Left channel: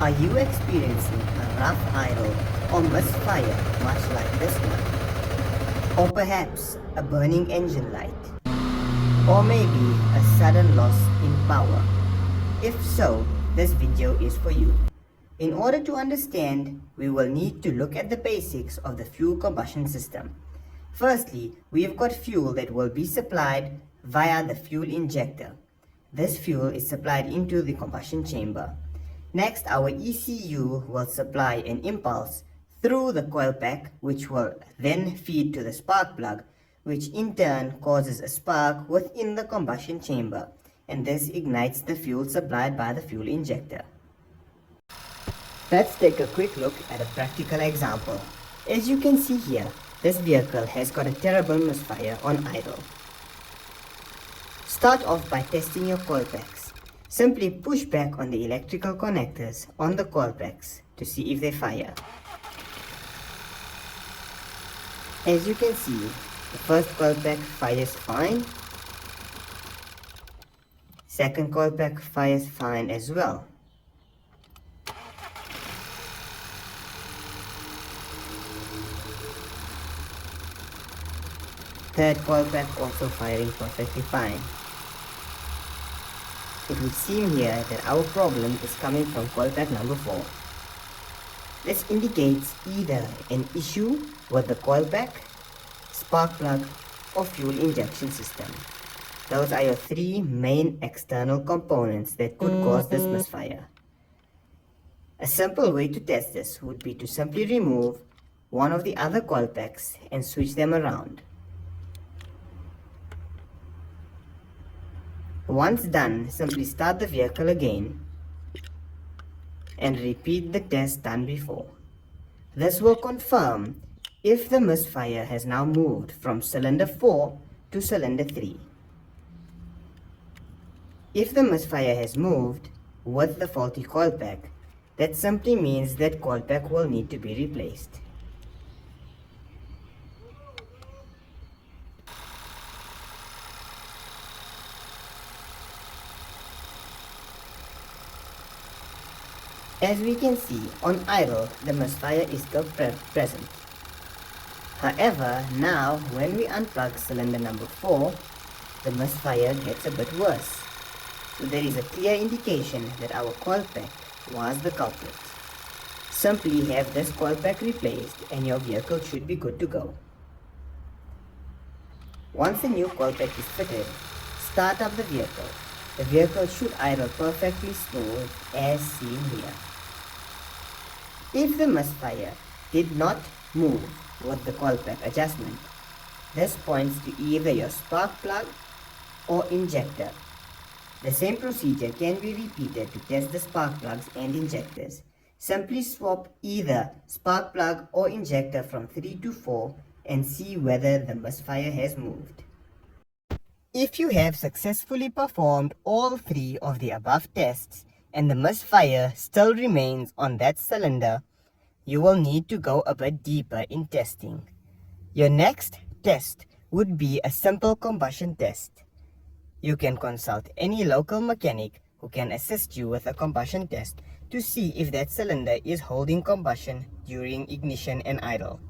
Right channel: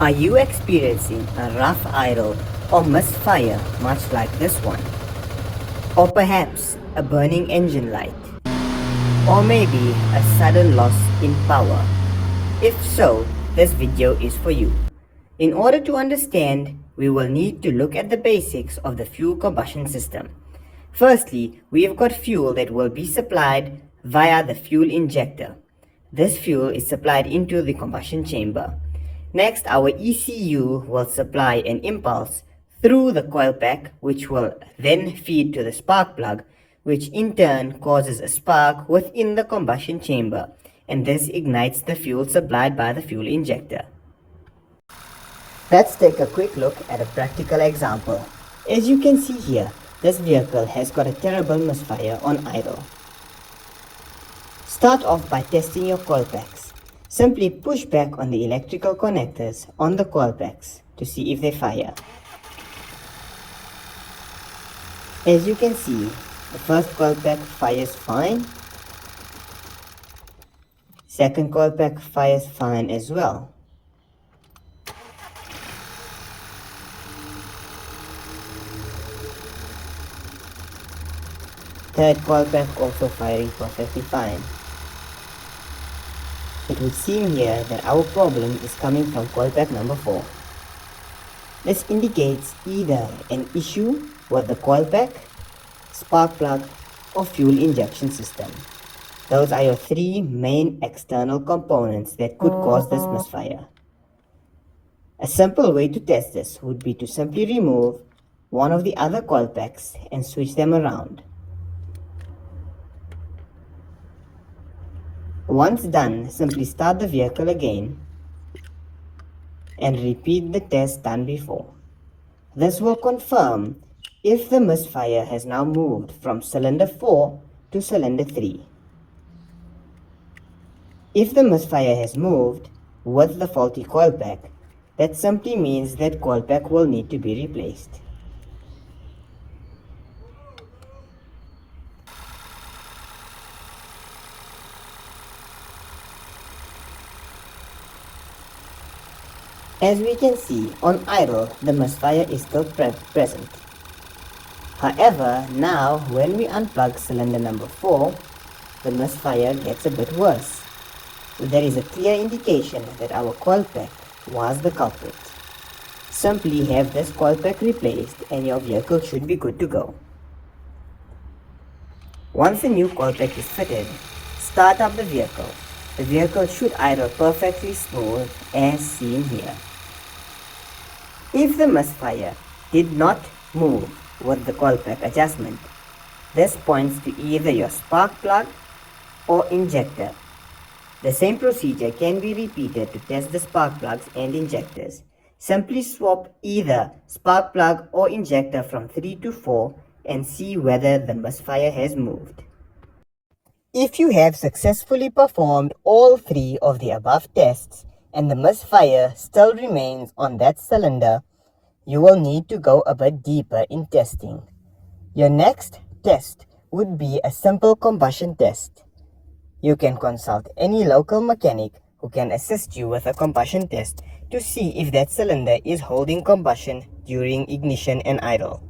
Are you experiencing a rough idle or misfire much like this one? Or perhaps a burning engine light? Or maybe a sudden loss in power? If so, this video is for you. In order to understand, we will need to look at the basics of the fuel combustion system. Firstly, we have got fuel that will be supplied via the fuel injector. This fuel is supplied into the combustion chamber. Next, our ECU will supply an impulse through the coil pack, which will then feed to the spark plug, which in turn causes a spark within the combustion chamber, and this ignites the fuel supplied by the fuel injector. Let's take a quick look at a practical example. As you can see here, this vehicle has got a terrible misfire on idle. Start off by testing your coil packs. Simply push back on the electrical connectors on the coil packs to see if they fire. As you can see, the first coil pack fires fine. Second coil pack fires fine as well. Third coil pack also firing perfectly fine. It would seem here that our problem is coming from coil pack number 4. This indicates either an issue with the coil pack, spark plug, or fuel injection system. Those are your three main external components that could cause this misfire. A simple way to test this would be to simply remove one of the other coil packs and switch them around. Once done, simply start the vehicle again and repeat the test done before. This will confirm if the misfire has now moved from cylinder 4 to cylinder 3. If the misfire has moved with the faulty coil pack, that simply means that coil pack will need to be replaced. As we can see, on idle, the misfire is still present. However, now when we unplug cylinder number 4, the misfire gets a bit worse. There is a clear indication that our coil pack was the culprit. Simply have this coil pack replaced and your vehicle should be good to go. Once the new coil pack is fitted, start up the vehicle. The vehicle should idle perfectly smooth as seen here. If the misfire did not move with the coil pack adjustment, this points to either your spark plug or injector. The same procedure can be repeated to test the spark plugs and injectors. Simply swap either spark plug or injector from 3 to 4 and see whether the misfire has moved. If you have successfully performed all 3 of the above tests and the misfire still remains on that cylinder, you will need to go a bit deeper in testing. Your next test would be a simple combustion test. You can consult any local mechanic who can assist you with a combustion test to see if that cylinder is holding combustion during ignition and idle.